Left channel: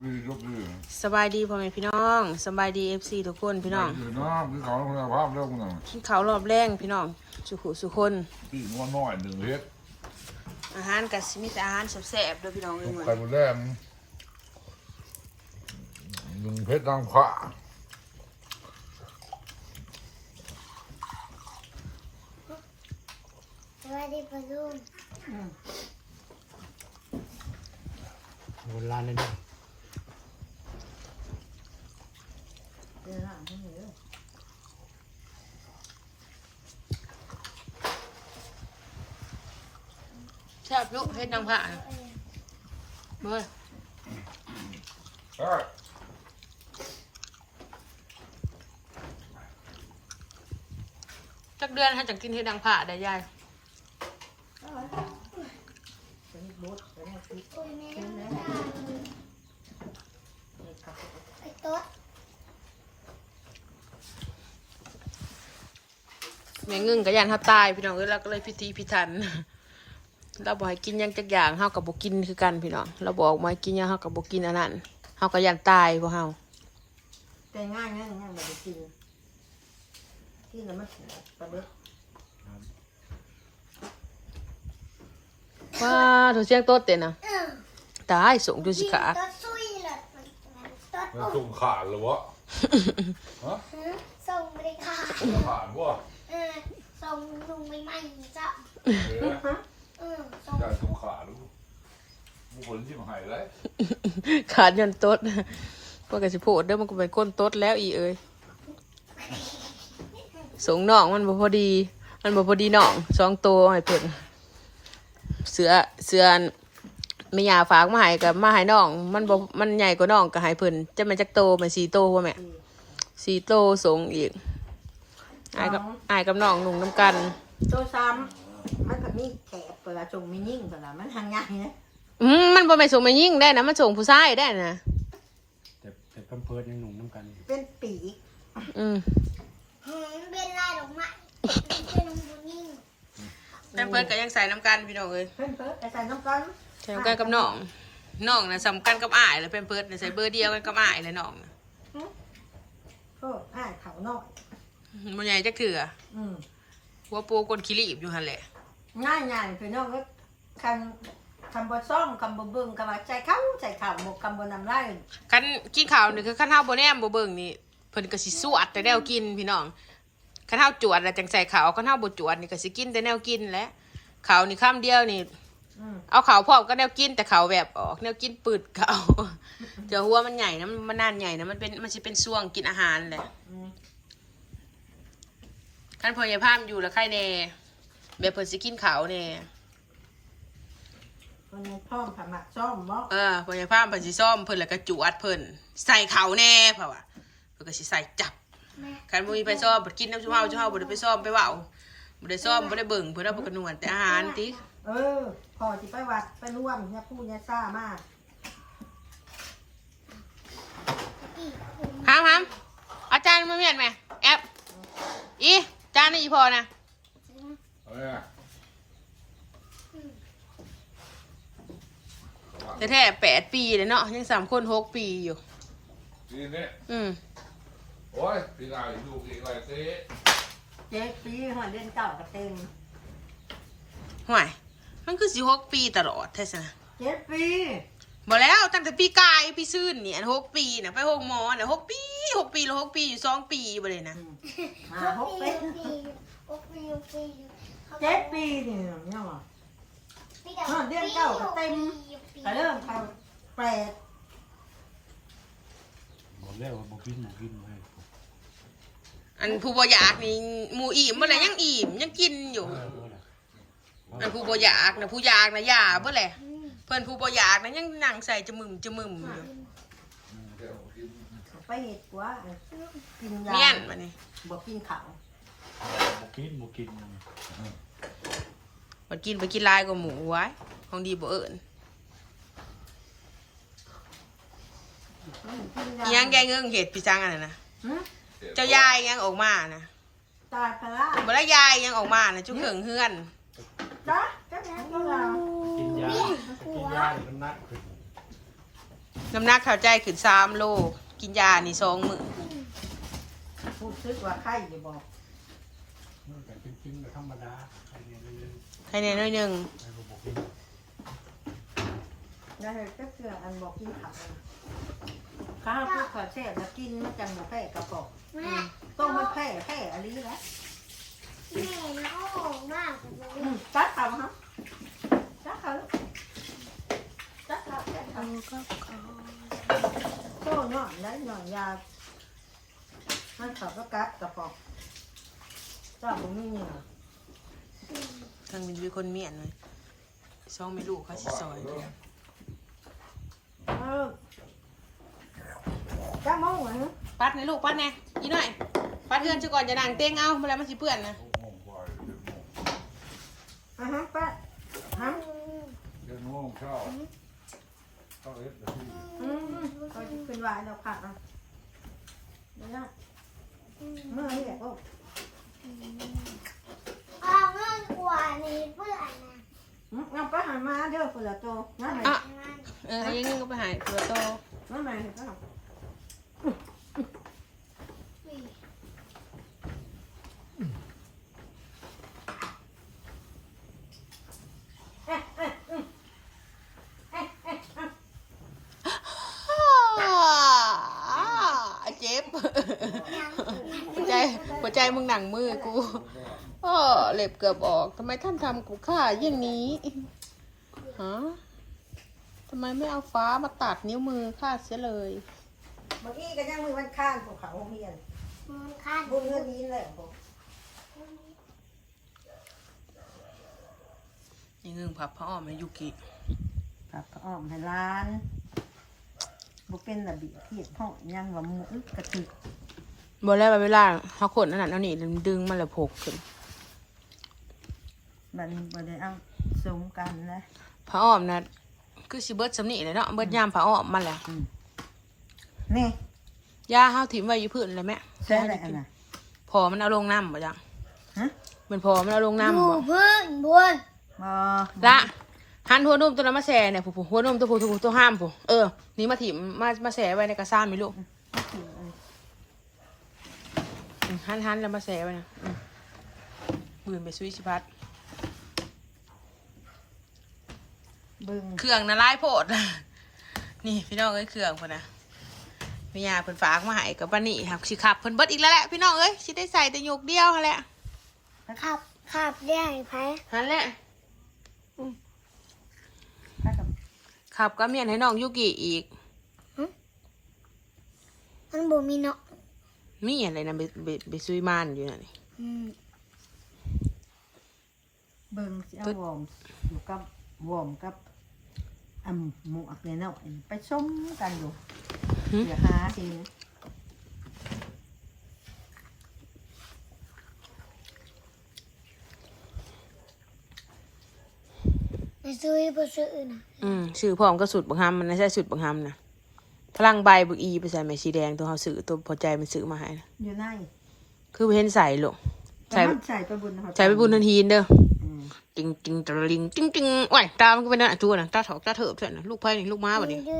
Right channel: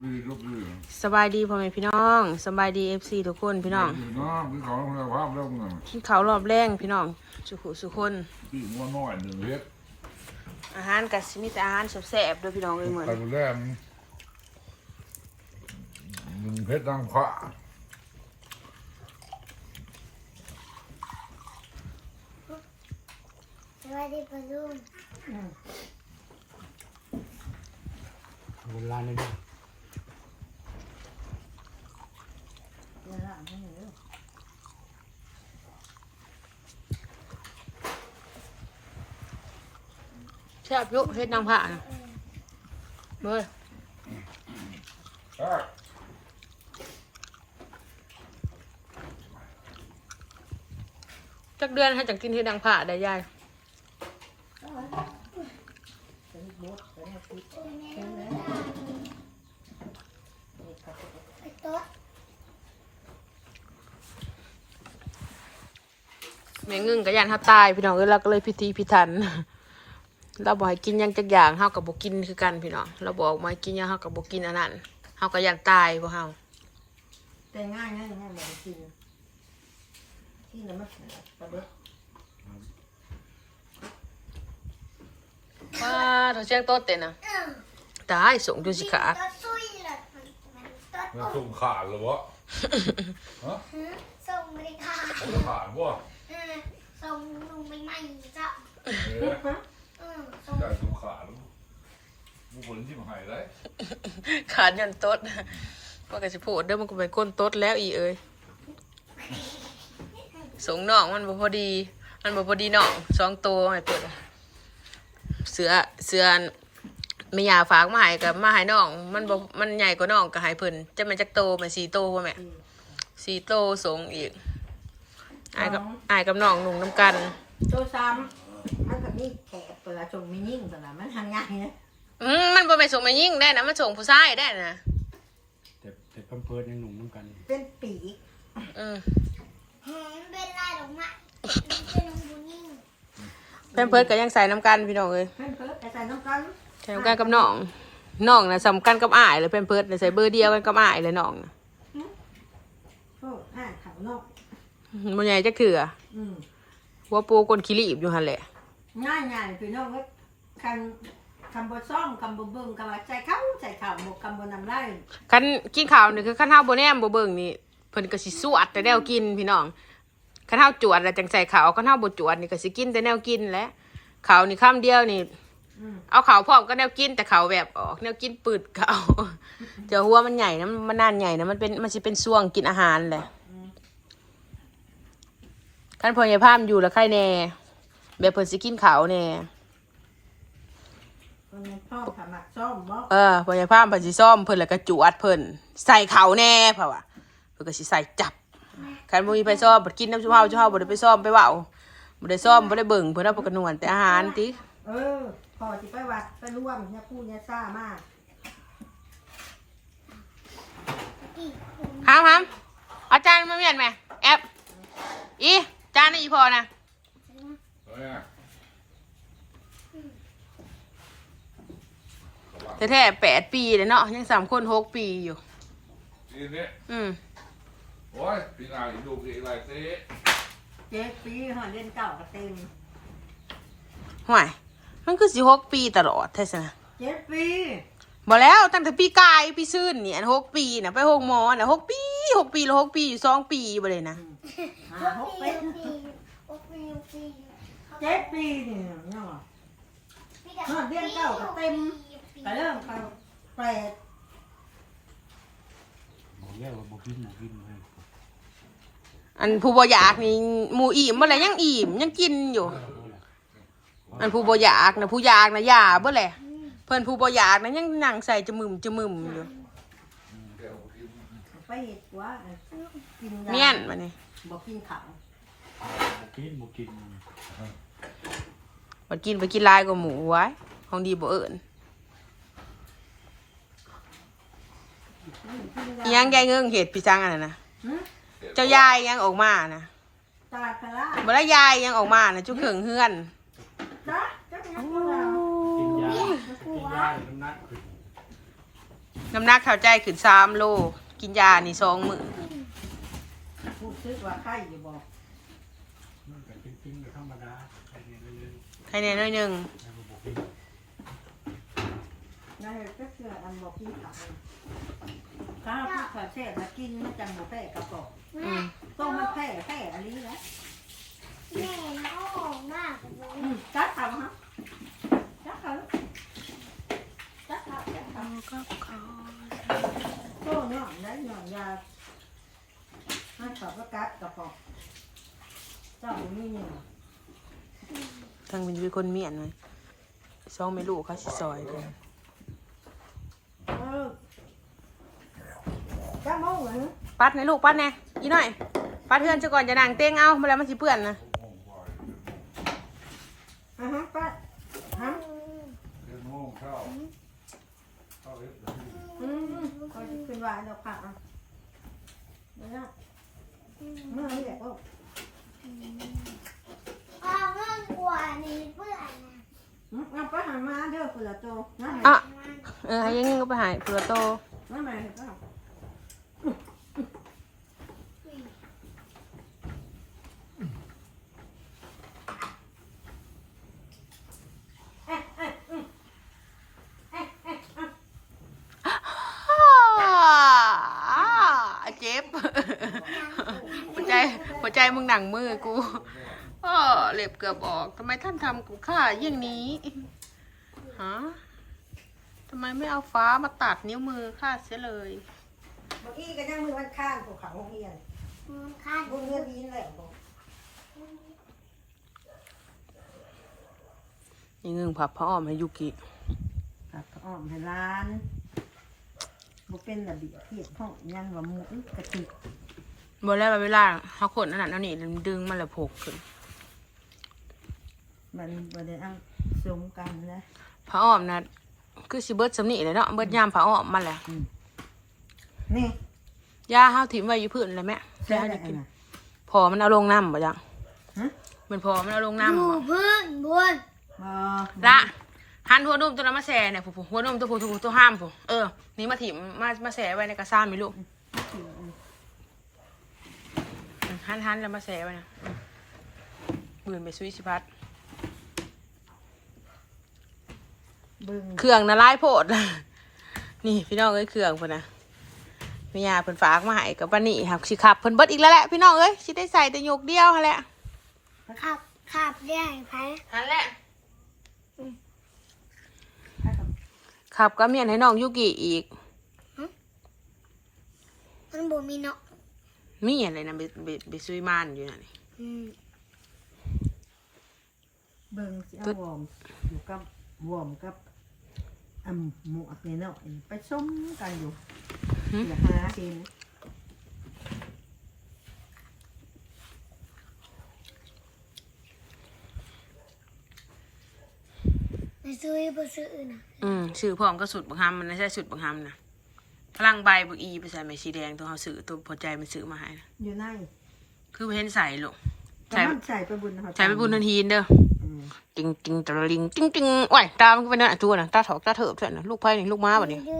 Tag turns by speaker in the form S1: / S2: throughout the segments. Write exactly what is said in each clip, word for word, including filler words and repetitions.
S1: สบายดีพ่อแม่พี่น้องสบายดีเอฟซีทุกคนพี่น้อง
S2: น้องพี่เขาคุณภาพเรื่องมึง
S1: ที่เขารอบแรงพี่น้องสุขุสุคน
S2: พี่งัวน้อยหนึ่งเฮ็ด
S1: อาหารกับมีแต่อาหารแซ่บๆด้วยพี่น้องเลยเหมือน
S2: ไปดูแลหนึ่งเพชรดังขวา
S3: สวัสดีปะลุง
S4: โบราณเลยนะ
S1: แซ่บยุเฮ็ดนางผ่านะเบ้ยจักเดือนให้จังกินเฮ็ดนางผ่าได้ยาย
S3: ไอ้โต๊ะ
S1: แม่งึ่งกับยันเขาตายพี่น้องเอ้ยเราก็เลยพิธีพิถันเราบอกให้กินยังจักอย่างเฮากับบ่กินคือกันพี่น้องเราบอกมาให้กินยังเฮากับบ่กินอันนั้นเฮาก็ยันตายบ่เฮา
S5: แต่ง่ายง่ายง่ายแบบกินกินแล้วมันประเด็ด
S1: ว้าตัวเสียงโต๊ดเต้นนะตายส่งดูสิขา
S3: โต๊ะซุยเลยโต๊ะ
S2: มันสุ่มขาดหรือวะฮะ
S3: ส่งไปค่ะ
S2: สุ่มขาดวะ
S3: เออส่งลุงไปใหม่จ้ะ
S2: เอ๊ะ
S3: เออส่ง
S2: จะสุ่มขาดมึงผลที่มันหายเลย
S1: ขาดยันโต๊ดมันก็สิโพดเด้อมันก็เป็นก้นโต๊ดแล้วอีเอ้ยส่งน้องมันบ่พอดีมันบ่พอดีน้องสองตัวให้เปิดเสือเสือไม่ยาฝากมาให้กับมาให้น้องมันบ่มันใหญ่กว่าน้องก็ให้เพิ่นจะมันจักโตมันสี่โตพ่อแม่สี่โตส่งอีกอายกับอายกับน้องนุ่งน้ำกัน
S5: โตซ้ำมันแบบนี้แขกเวลาจงไม่ยิ่งเวลามันทำง่ายเนี่ย
S1: อืมมันบ่แม่นส่งมายิ่งได้นะมันส่งผู้ชายได้นะ
S4: แต่แต่เพิ่มเพิ่มยังหนุ่มน้ำกัน
S5: เป็นปีก
S1: อืม
S3: เห็นเป็นลายดอกไม้เป็นน้องบุญยิ่ง
S1: แพมเพิร์ดก็ยังใส่น้ำกันพี่น้องเอ้ย
S5: เพิ่มเพิ่มแต่ใส่น้ำกัน
S1: ใส่น้ำกันกับน้องน้องนะสำคัญกับอ้ายเลยแพมเพิร์ดน่ะใส่เบอร์เดียวกันกับอ้ายเลยน้องน่ะ
S5: โอ้อ่าเขานอก
S1: มันใหญ่จักเถื่อ
S5: อืม
S1: หัวปูกลขี้รีบอยู่หั่นแหละ
S5: ง่ายง่ายคือนอกก็คันคำบซ่อมคำบเบิ้งคำว่าใจเข้าใจข่าวหมกคำบนำไร่
S1: คันกินข้าวนี่คือคันเฮาบ่แนมบ่เบิ่งนี่เพิ่นก็สิสวดแต่แนวกินพี่น้องคันเฮาจวดแล้วจังใส่ข้าวคันเฮาบ่จวดนี่ก็สิกินแต่แนวกินแหละข้าวนี่คำเดียวนี่
S5: อืม
S1: เอาข้าวพร้อมก็แนวกินแต่ข้าวแบบออกแนวกินปืดข้าว เดี๋ยวหัวมันใหญ่นะมันนานใหญ่นะมันเป็นมันสิเป็นช่วงกินอาหารแหละคันพ่อใหญ่พามอยู่แล้วใครแน่แบบเพิ่นสิกินข้าวแน่
S5: คนในพ่อสมัครซ่อมบ่
S1: เออพ่อใหญ่พามเพิ่นสิซ่อมเพิ่นแล้วก็จวดเพิ่นใส่ข้าวแน่เพราะว่าเพิ่นก็สิใส่จับคันบ่มีไปซ่อมบ่กินน้ำชุบเฮาชุบเฮาบ่ได้ไปซ่อมไปเว้าบ่ได้ซ่อมบ่ได้เบิ่งเพิ่นเอาไปกระนวลแต่อาหารติ
S5: เออพอจะไปวัดไปร่วมเนี่ยพูดเนี่ยซ่ามาก
S1: ครับครับอาจารย์มาเมียนไหมแอปอีจานนี่อีพอนะแต่แท้แปดปีเลยเนาะยังสามคนหกปีอยู่
S2: ทีนี้
S1: อืม
S2: โอ้ยพี่นายดูอีกไรเต้
S5: เจ็ดปีหอนเดือนเก่าก็เต็ม
S1: ห่วยมันคือสิหกปีตลอดแท้สินะ
S5: เจ็ดปี
S1: บอกแล้วตั้งแต่ปีกายปีซื่นเนี่ยหกปีนะไปหกหมอนะหกปีหกปีแล้วหกปีอยู่สองปีบ่เลยนะ
S5: หาห
S3: ห
S5: ก
S3: ก
S5: ปี
S3: ปีหกปีหกปี
S5: เจ็ดปีนี่เนาะหอนเดือนเก่าก็เต็มก็เริ่มเขาแปด
S4: บอกแล้วว่าบอกกินบอกกินให้
S1: อันผู้บ่อยากนี่หมูอิ่มบ่เลยยังอิ่มยังกินอยู่ อันผู้บ่อยากนะผู้อยากนะยาเบ่แหละเพิ่นผู้บ่อยากนะยังนั่งใส่จมึมจมึมอยู่
S5: ไปเห็ดว่ากินยา
S1: เมียนมานี่
S5: บอกกินเขา
S4: บอกกินบอกกิน
S1: มากินไปกินลายกว่าหมูไว้ของดีบ่เอิญยังยายเงิงเห็ดพี่จังอันนั้นนะเจ้ายายยังออกมานะ
S5: ตายไปละ
S1: บ่ได้ยายยังออกมานะจุกเถิงเฮือน
S5: จ้ะจ้ะแม่ก็เรา
S4: กินยากินยาน้ำหนักขึ้น
S1: น้ำหนักเท่าใจขึ้นสามโลกินยานี่สองมื้อ
S5: พูดซึกว่าไข่อยู่บอก
S4: มันแต่จริงๆก็ธรรมดาใครเนี่ยมันเลย
S1: ใครเนี่ยน้อยหนึง
S4: ใครก็บ่กิน
S5: นะเฮ้ยก็เชื่ออันบอกกินผักข้าวพูดขาแท้แล้วกินจังหมูแพะกระป๋อง
S3: แม่
S5: ต้องมันแพะแพะอะไรแหละ
S3: แม่นะโอ้มากเลย
S5: อืมจัดทำฮะจัดเขาจัดเขาจัดเขาโต้หน่อนแล้วหน่อนยามันขับก็กัดกระป๋องเจ้ามันนี่เนี่ย
S1: ทางเป็นมีคนเมียนไหมสองไม่รู้เขาสิซอยเด้อ
S5: เออจ้าโม่เหรอ
S1: ปัดในลูกปัดแน่อีหน่อยปัดเพื่อนซะก่อนจะนั่งเต้งเอาเวลามันสิเปื้อนนะ
S5: อ่ะฮะป้าฮะ
S2: เดินง่วงเข้าเข้าเอฟ
S5: อืมเขาจะขึ้นวายเราผักอ่ะเดี๋ยวนะเมื่อนี่แหละโอ้
S3: เอาเงินกว่านี้เพื่อนนะ
S5: อืมเอาไปหามาเด้อเผื่อโตนั่นไง
S1: อ่ะเออให้ยังงี้ก็ไปหายเผื่อโต
S5: นั่นไงก็
S1: อ่าเจ็บหัวใจหัวใจมึงหนังมือกูเออเล็บเกือบออกทำไมท่านทำกูฆ่าอย่างนี้ฮะทำไมไม่เอาฟ้ามาตัดนิ้วมือฆ่าเสียเลย
S5: เมื่อกี้ก็ยังมือมันข้างภูเขาเฮียน
S3: มันคาด
S5: บุญเงินดีเลยบอก
S1: นี่งึงผับพระอ้อมให้ยุกิ
S5: ผักอ้อมให้ร้านบุเป็นระเบียบเทียบห้องยังว่าหมูกระติก
S1: บอกแล้วว่าเวลาเขาขนนั่นน่ะนั่นนี่มันดึงมันเลยโผกขึ้น
S5: มันบ่ได้เอาสมกันนะ
S1: พระอ้อมนะคือสิเบิดสำนีเลยเนาะเบิดยามพระอ้อมมันแหละ
S5: นี่
S1: ย่าห้าวถิ่มไว้อยู่พื้นเลยแม่
S5: ใช่แหละนะ
S1: พอมันเอาลงน้ำบ่จัง
S5: ฮะ
S1: มันพอมันเอาลงน้ำ
S3: ดู
S1: บ่
S3: เพื่อนบน
S5: บ่
S1: ละหันหัวนมตัวนั้นมาแช่เนี่ยผู้หัวนมตัวผู้ตัวตัวห้ามผู้เออนี่มาถิ่มมามาแช่ไว้ในกระซ่านไหมลูกอืมหันหันแล้วมาแช่ไว้นะอืมบืนไปซุยสิพัด
S5: เบิ่ง
S1: เครื่องนะลายโพด นี่พี่น้องเอ้ยเครื่องพุ่นนะแม่ยาเพิ่นฝากมาให้กับปานนี้ครับสิขับเพิ่นเบิดอีกแล้วแหละพี่น้องเอ้ยสิได้ใส่แต่โยกเดียวหั่นแหละ
S3: ขับขับได้ไหม
S1: หั่นแหละ
S5: ถ้ากับ
S1: ขับก็เมียนให้น้องยุกิอีก
S3: มันบ่มีเนาะ
S1: มีอะไรนะไปไปไปซุยมานอยู่นั่น
S3: อืม
S5: เบิ่งสิเอาวอร์มอยู่กับวอร์มกับอ่ำหมวกเนี่ยเนาะไปชมกันอยู่เดี๋ยวหาเอง
S3: ไปซื้อไปซื้ออื่นนะ
S1: อืมซื้อพร้อมก็สุดบังคับมันไม่ใช่สุดบังคับนะพลังใบบึกอีไปใส่ไม้สีแดงตัวเขาซื้อตัวพอใจมันซื้อมาให้นะ
S5: อยู่ใน
S1: คือไปเห็นใส่ลูก
S5: แต่
S1: ใส่
S5: มันใส่ไปบุญนะครับ
S1: ใส่ไปบุญทันทีเด้อ
S5: อืม
S1: ตึงตึงตะลิงตึงตึงโอ้ยตามันก็เป็นนั่นอะตัวน่ะตาถอกตาเถิบเถอะนะลูกไผ่นี่ลูกม้าแบบนี้
S3: ดู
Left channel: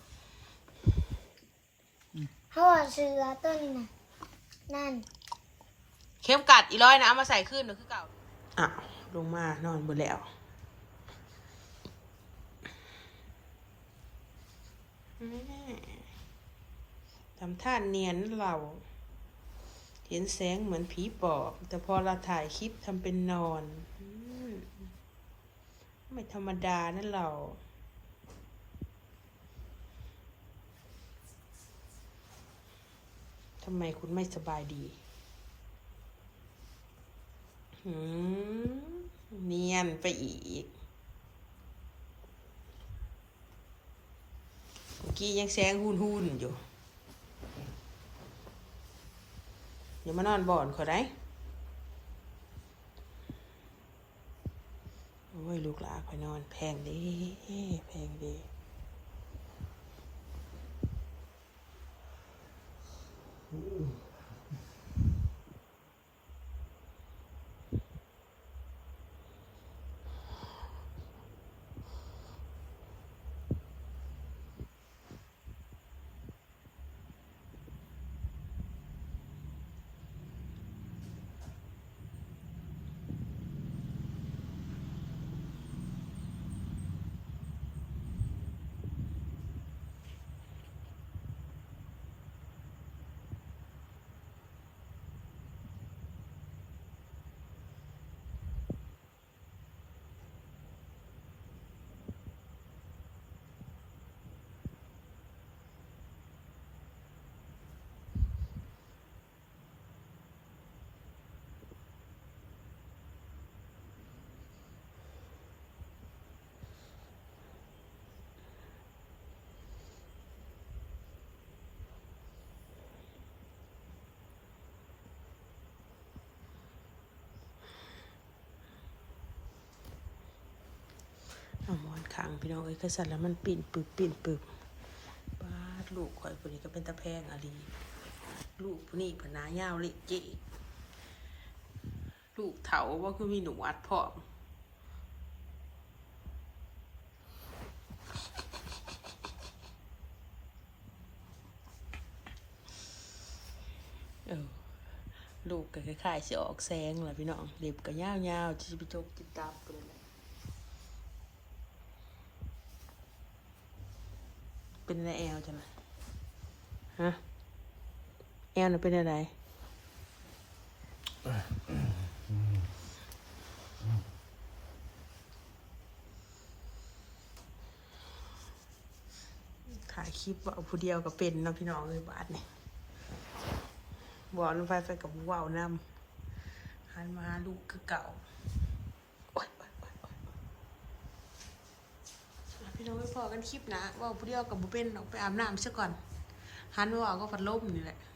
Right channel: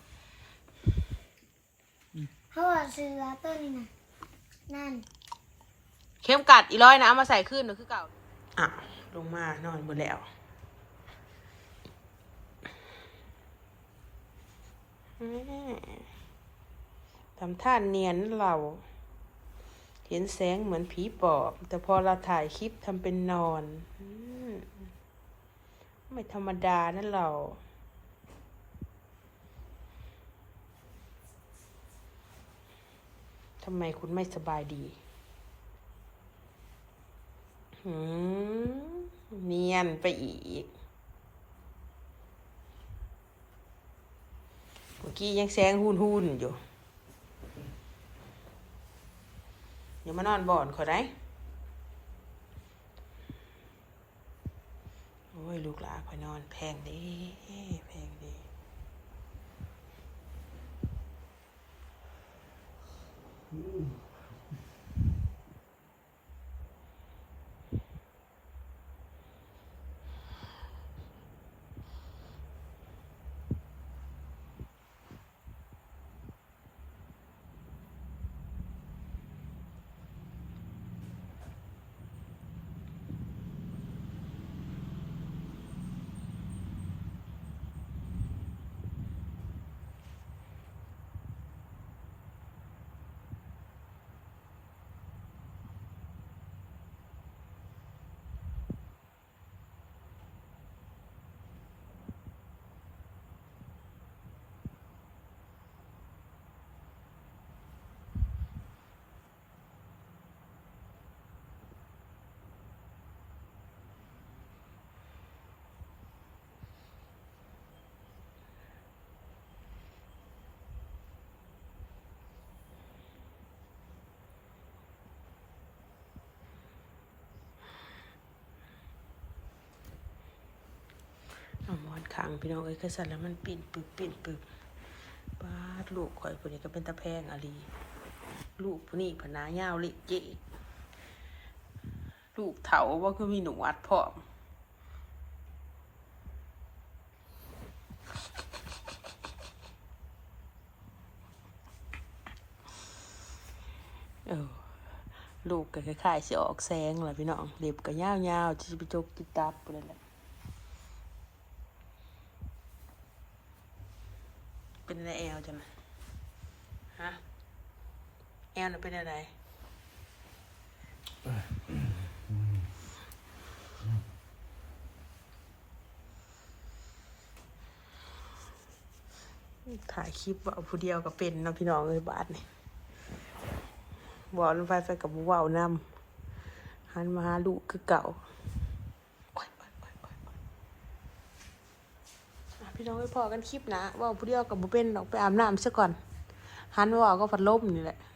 S3: เขาว่าเสือต้นนี่นะนั่น
S1: เข้มกัดอีร้อยนะเอามาใส่ขึ้นเดี๋ยวคือเก่าอ่ะลงมานอนบนแล้วอืมทำท่าเนียนเรา เห็นแสงเหมือนผีปอบ แต่พอเราถ่ายคลิปทำเป็นนอนอืมไม่ธรรมดานั่นเราทำไมคุณไม่สบายดีหืมเนียนไปอีกเมื่อกี้ยังแสงหุ่นหุ่นๆอยู่เดี๋ยวมานอนบ่อนขอได้โอ้ยลูกหลานขอนอนแพงดีแพงดีพี่น้องเอ้ยกระสันแล้วมันปิ่นปึบปิ่นปึบป้าดลูกข่อยคนนี้ก็เป็นตะแพงอะลีลูกผู้นี้ผนายาวเละเจ๊ลูกเถาว่าคือมีหนูอัดพร้อมเออลูกก็คล้ายๆสิออกแสงแหละพี่น้องเล็บก็ยาวๆจะไปจกติดตับเลยแหละเป็นอะไรแอลจังนะฮะแอลน่ะเป็นอะไรถ่ายคลิปว่าผู้เดียวก็เป็นเนาะพี่น้องเลยบาทนี่บอกลงไปไปกับว่าวนำหันมาหาลูกคือเก่าพี่น้องไปพอกันคลิปนะว่าผู้เดียวกับบุเป็นออกไปอาบน้ำซะก่อนหันว่าก็พัดลมนี่แหละ